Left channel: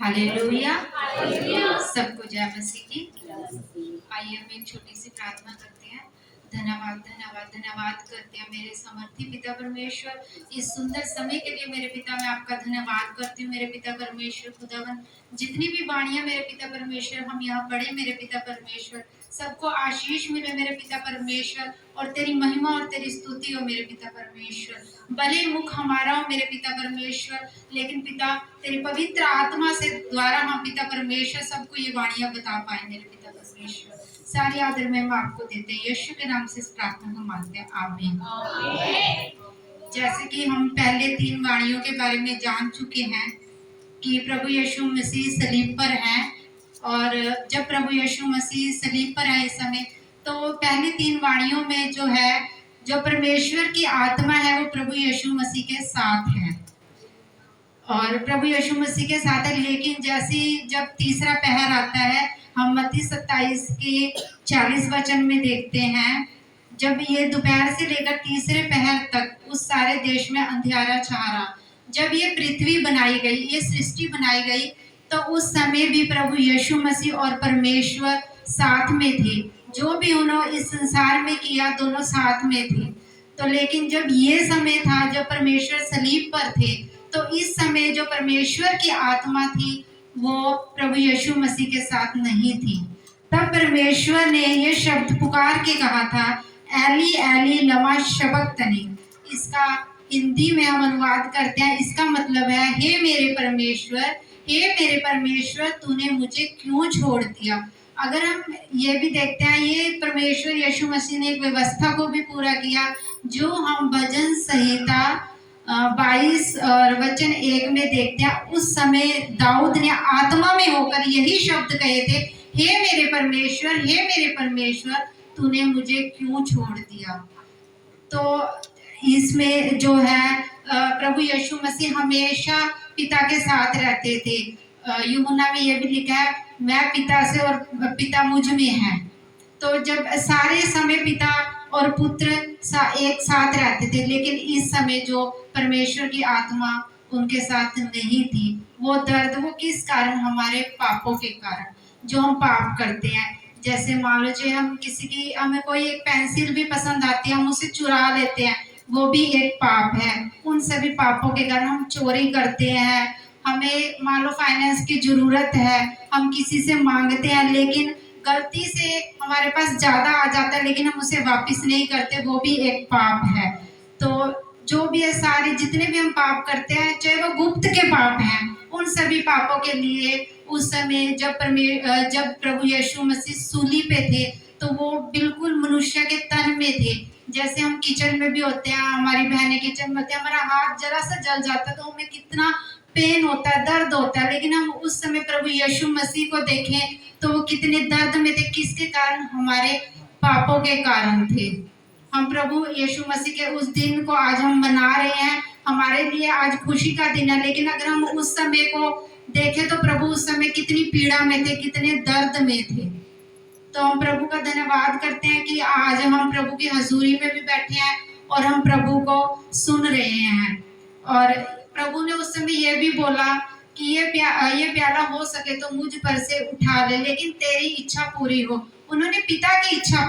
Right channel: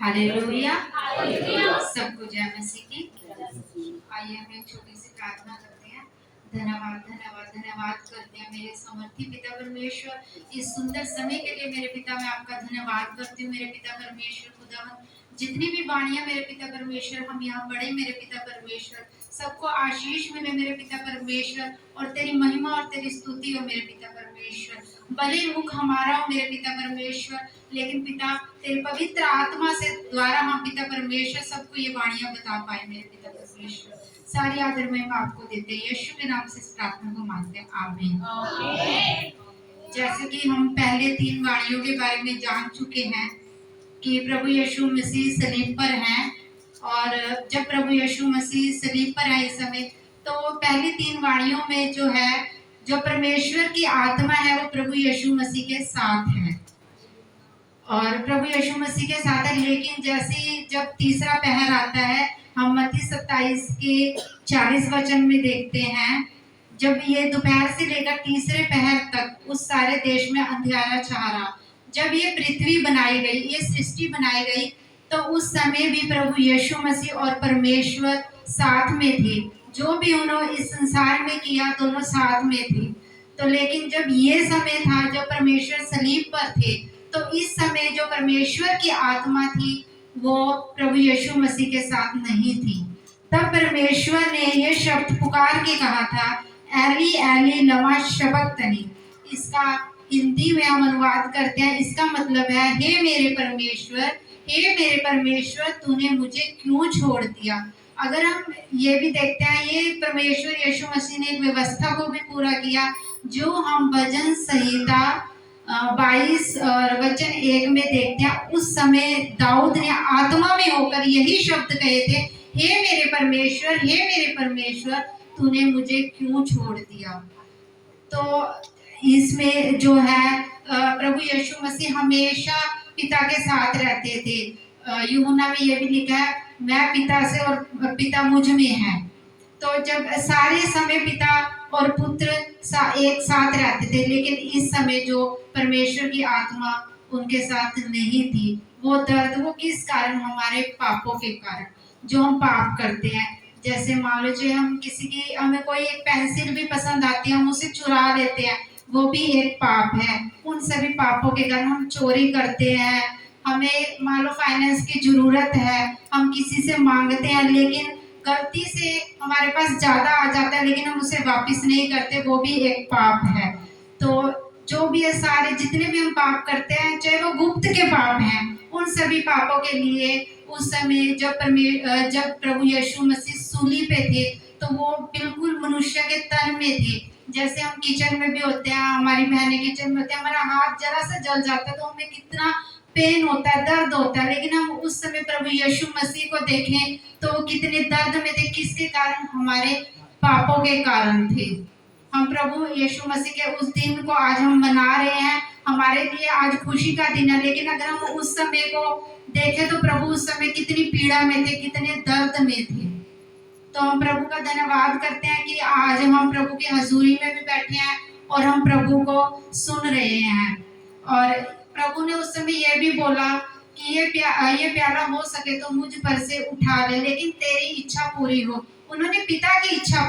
Hallelujah. सबको जय मसीह की। आइए हम एक छोटी सी प्रार्थना करते हैं। धन्यवाद धन्यवाद धन्यवाद करते हैं मेरे समर्थी पिता परमेश्वर, इस सुंदर समय के लिए मेरे पिता मैं आपका धन्यवाद करती हूँ मेरे पिता परमेश्वर खुदावन। जितनी भी वाणियाँ मेरे पिता परमेश्वर हम यहाँ पढ़े मेरे पिता परमेश्वर, सबको आशीष मिले मेरे पिता परमेश्वर, और तेरी महिमा और तेरी स्तुति हो मेरे पिता परमेश्वर। भले मुख हमारा हो मेरे पिता परमेश्वर, लेकिन पिता तेरी पवित्र आत्मा से द्वारा हम पिता परमेश्वर सबको ये वाणियाँ बता पाए मेरे पिता परमेश्वर। सारी आदर में हम आपको देते हैं, यीशु के नाम से इस प्रार्थना को मांगते हैं, आमीन। जैसे कि हम पहले 3 वाणियों के बारे में जान चुके हैं कि प्रभु यीशु मसीह सलीब पर हैं, और जब प्रभु यीशु मसीह सलीब पर है इस समय, तो पहली 3 वाणियों में जो है, जो परमेश्वर की आत्मा है वो प्रभु यीशु मसीह के साथ है, और प्रभु यीशु मसीह के साथ है। लेकिन जैसे जब तीसरा पहर आता है, हम मत्ती 27 के 40 वचन में देखते हैं, जब ये दोपहर से लेकर तीसरे पहर तक उस सारे देश में अंधियारा छा रहा। जब ये पृथ्वी बनाई गई, ये सृष्टि बनाई गई, तो उस समय भी प्रभु यीशु मसीह और परमेश्वर साथ में थे। जो भी उन्होंने इस संसार में किया, दोनों साथ में थे। तो लेकिन जब ये समय था, जब परमेश्वर सलीब पर थे, तो इस समय जो परमेश्वर की आत्मा थी वो प्रभु यीशु मसीह के साथ नहीं थी। तब परमेश्वर ने ये शब्द पुकार के कहा था, एली एली लमा शबक्तनी। इसका हिंदी में हम अनुवाद करते हैं, इसका मतलब है, हे मेरे परमेश्वर तूने मुझे क्यों छोड़ दिया। अगर हम ये भी देखते हैं, ये परमेश्वर यीशु मसीह ने एक व्यवस्था को भी पूरा किया, जो हम भजन संहिता 22 और वचन 1 में देखते हैं। उस समय दाऊद ने आत्मा में होकर यही शब्द कहे थे, हे मेरे परमेश्वर तूने मुझे क्यों छोड़ दिया। तो इसमें जो है प्रभु यीशु मसीह हमेशा पिता के साथ रहते थे। यूहन्ना में ये भी लिखा है, मैं पिता से और पिता मुझ में है। तो जब सारे समय पिता और पुत्र एक साथ रहते थे, लेकिन इस समय जो परमेश्वर की आत्मा उनके साथ नहीं थी, वो दर्द वो किस कारण, हमारे पापों के कारण, जो हम पाप करते हैं। जैसे मान लो जो हम किसी की, हमें कोई एक पेंसिल भी पसंद आती है, हम उसे चुरा लेते हैं, वो भी एक पाप है। उन सभी पापों के कारण हम चोरी करते हैं। हमें मान लो फाइनेंस की जरूरत है, हम किसी से मांगते हैं, लेकिन गलती से हमारे पास ज़्यादा आ जाता है, लेकिन हम उसे वापस नहीं करते, वो भी एक पाप है। तो जो भी है, सारे जितने भी हम पाप करते हैं, चाहे वो गुप्त के पाप हैं, उन सभी पापों के लिए उस समय जब प्रभु यीशु मसीह सूली पे थे, तो वो बिल्कुल मनुष्य के तन में थे। जैसे हम किचन में भी होते हैं, हमारी बहनें किचन में होते हैं, हमारा हाथ जरा सा जल जाता है तो हमें कितना पेन होता है, दर्द होता है। लेकिन हम उस समय प्रभु यीशु मसीह को देखें तो वो कितने दर्द में थे, किसके कारण, हमारे पापों के कारण थे। हम प्रभु यीशु मसीह के उस दिन को आज हम मना रहे हैं, हमारे लिए आज खुशी का दिन है। लेकिन अगर हम उस समय को देखें तो प्रभु उस समय कितनी पीड़ा में थे, कितने दर्द में थे। तो हम प्रभु का धन्यवाद करते हैं कि आज हम प्रभु की हजूरी में भी बैठे हैं और हम प्रभु को सुन रहे हैं। और प्रभु ने उस समय ये भी बोला कि ये प्याला हो सके तो मुझ पर से उठा ले, लेकिन तेरी इच्छा पूरी हो। उन्होंने पिता की इच्छा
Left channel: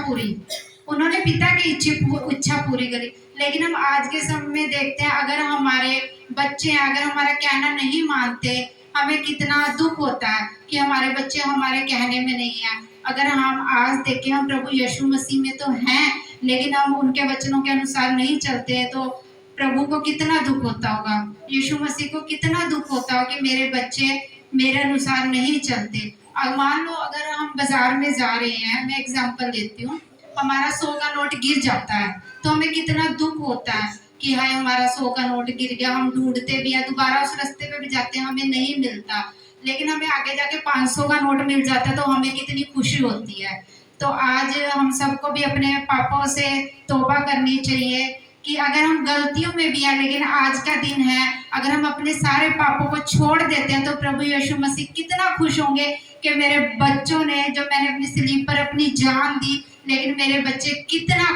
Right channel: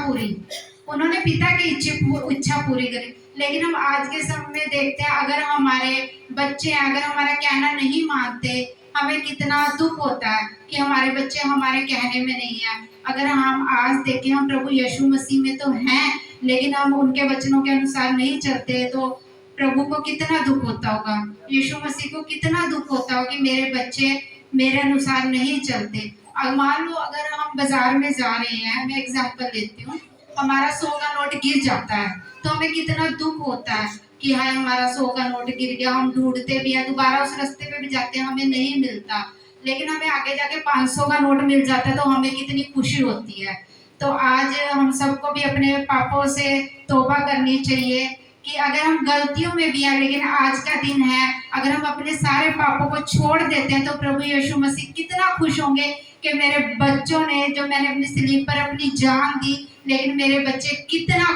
पूरी करी। लेकिन हम आज के समय में देखते हैं, अगर हमारे बच्चे अगर हमारा कहना नहीं मानते, हमें कितना दुख होता है कि हमारे बच्चे हमारे कहने में नहीं है। अगर हम आज देखें, हम प्रभु यीशु मसीह में तो हैं, लेकिन हम उनके वचनों के अनुसार नहीं चलते, तो प्रभु को कितना दुख होता होगा, यीशु मसीह को कितना दुख होता होगा कि मेरे बच्चे मेरे अनुसार नहीं चलते। और मान लो अगर हम बाजार में जा रहे हैं, मैं एग्जांपल देती हूँ, हमारा 100 का नोट गिर जाता है तो हमें कितना दुख होता है कि हाय हमारा 100 का नोट गिर गया। हम ढूंढते भी हैं, दोबारा उस रास्ते पे भी जाते हैं, हमें नहीं मिलता। लेकिन हमें आगे जाके 500 का नोट मिल जाता है तो हमें कितनी खुशी होती है। तो आज हम सबको भी अपने पापों से तौबा करनी चाहिए कि अगर हम गलतियों में भी हैं, लेकिन आज का दिन है, अगर हम अपने सारे पापों को छोड़ देते हैं तो प्रभु यीशु मसीह कितना खुश होंगे कि मेरे बच्चों ने, जो मैंने अपनी सलीब पर अपनी जान दी, लेकिन मेरे बच्चे कितना,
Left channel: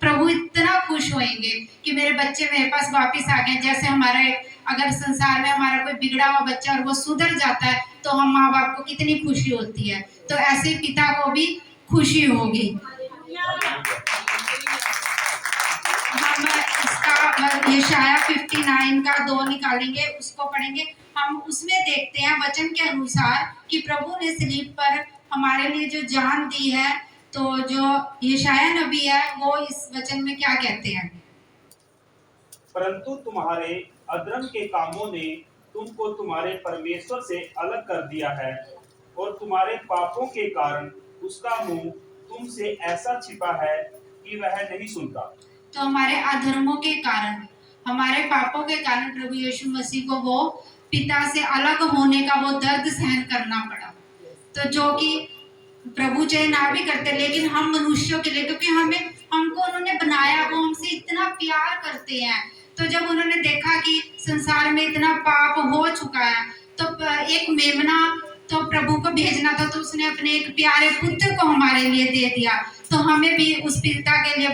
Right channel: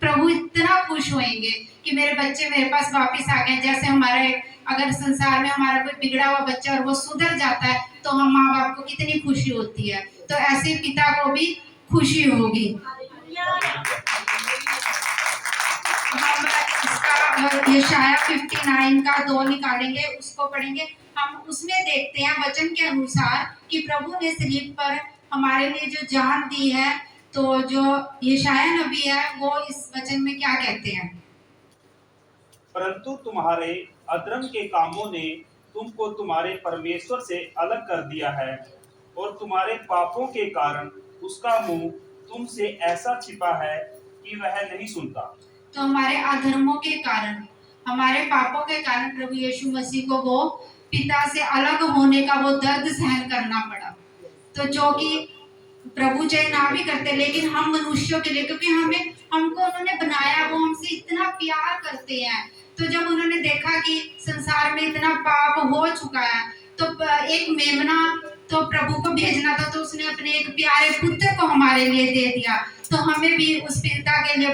प्रभु इतना खुश होंगे कि मेरे बच्चे मेरे पास वापस आ गए। जैसे हमारा अगर संसार में हमारा कोई बिगड़ा हुआ बच्चा और वो सुधर जाता है तो हम माँ बाप को कितनी खुशी होती है, तो ऐसे पिता को भी खुशी होगी। हम इसका यशाया 59 का 2 निकालेंगे, उसको पढ़ेंगे। हम उसमें देखते हैं वचन के अनुसार कि प्रभु ने सलीब पर हमारे लिए जो जान दी है, तो जो यशाया नबी है वो इस वचन में क्या कहते हैं? परंतु तुम्हारे अधर्म के कामों ने तुमको तुम्हारे परमेश्वर से अलग कर दिया है, और तुम्हारे पापों के कारण उसका मुंह तुमसे ऐसा छिपा है कि वह नहीं सुनता। तो हमारे अधर्मों के कारण, हमारे पापों के कारण प्रभु यीशु मसीह को वो पिता से अलग होने का वो दर्द सहन करना पड़ा। तो जो कि प्रभु चाहे ना भी करते, लेकिन हम मनुष्यों के लिए, क्योंकि हमको उन्होंने बनाया, वो हमसे इतना प्यार करते हैं। तो जब उन्होंने देखा कि संसार में इतना पाप हो चुका है, तो एक मेमना तो प्रभु को भेजना था, तो उसने अपने एक प्यारे पुत्र को हमारे लिए दे दिया। तो हमें भी उस पिता के लिए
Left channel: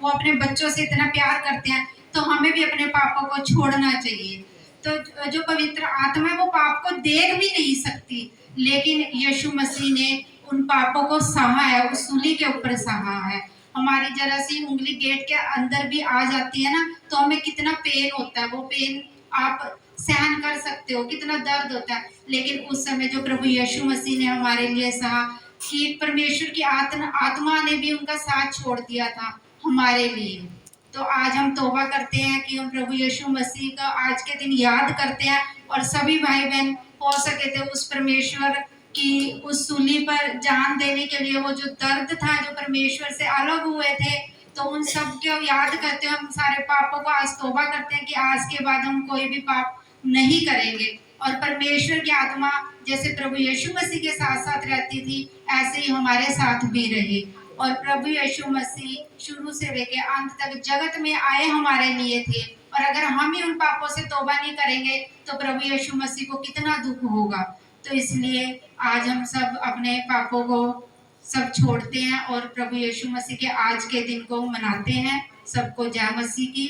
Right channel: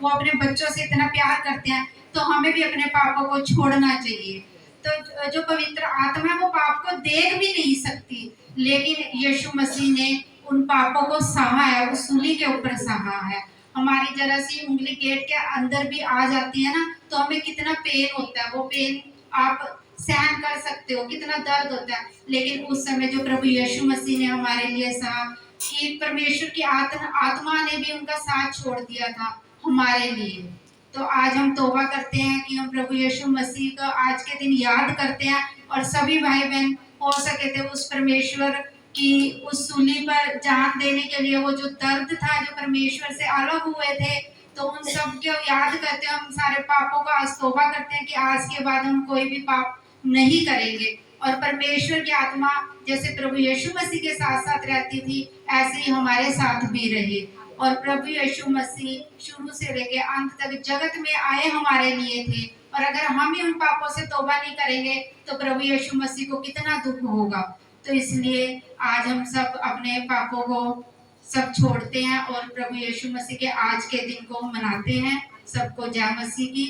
वो अपने बच्चों से इतना प्यार करते हैं, तो हमें भी अपने पापों को छोड़ना चाहिए। तो जो पवित्र आत्मा है वो पाप को देख भी नहीं सकती, लेकिन यीशु मसीह ने उन पापों को सहा है, उस सूली के ऊपर सहा है। हमारी जरा सी उंगली गेट के अंदर भी आ जाती है ना, तो हमें कितना पेन होता है, वो पेन आप सहन कर सकते हो, कितना दर्द होता है। लेकिन उस समय जो प्रभु यीशु मसीह ने हमारे लिए सहा, कि परमेश्वर की आत्मा ने भी उनका साथ छोड़ दिया था हमारे लिए। तो आज हम तौबा करते हैं कि हम प्रभु यीशु मसीह को आज के दिन याद करते हैं, और सभी भाई बहन हो सके थे उस परमेश्वर की उस सूली पर जान देने के लिए, वो जो दर्द था, जो परमेश्वर से अलग हुए थे, तो उन सब को याद करते हैं। हम सारे पापों को आज तौबा करते हैं कि आज के बाद हम कोई भी पाप नहीं करेंगे, और परमेश्वर की आत्मा जैसे प्रभु यीशु मसीह के साथ साथ रहती थी, ऐसे ही हमारे साथ भी रही। और प्रभु यीशु मसीह शुरू से लेकर अंत तक जगत में आए हमारे लिए थे, और अगर हम ही उन पापों से तौबा नहीं करेंगे तो प्रभु यीशु मसीह को कितना दुख होगा। तो इसलिए आज हम सब अपने पापों को सब छोड़ते हैं और प्रभु यीशु मसीह के आज के दिन को मनाते हैं। सबको जय मसीह की।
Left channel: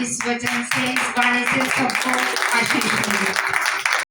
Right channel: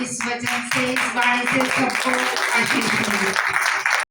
इस वचन से, इस बाणी से सबको आशीष मिले।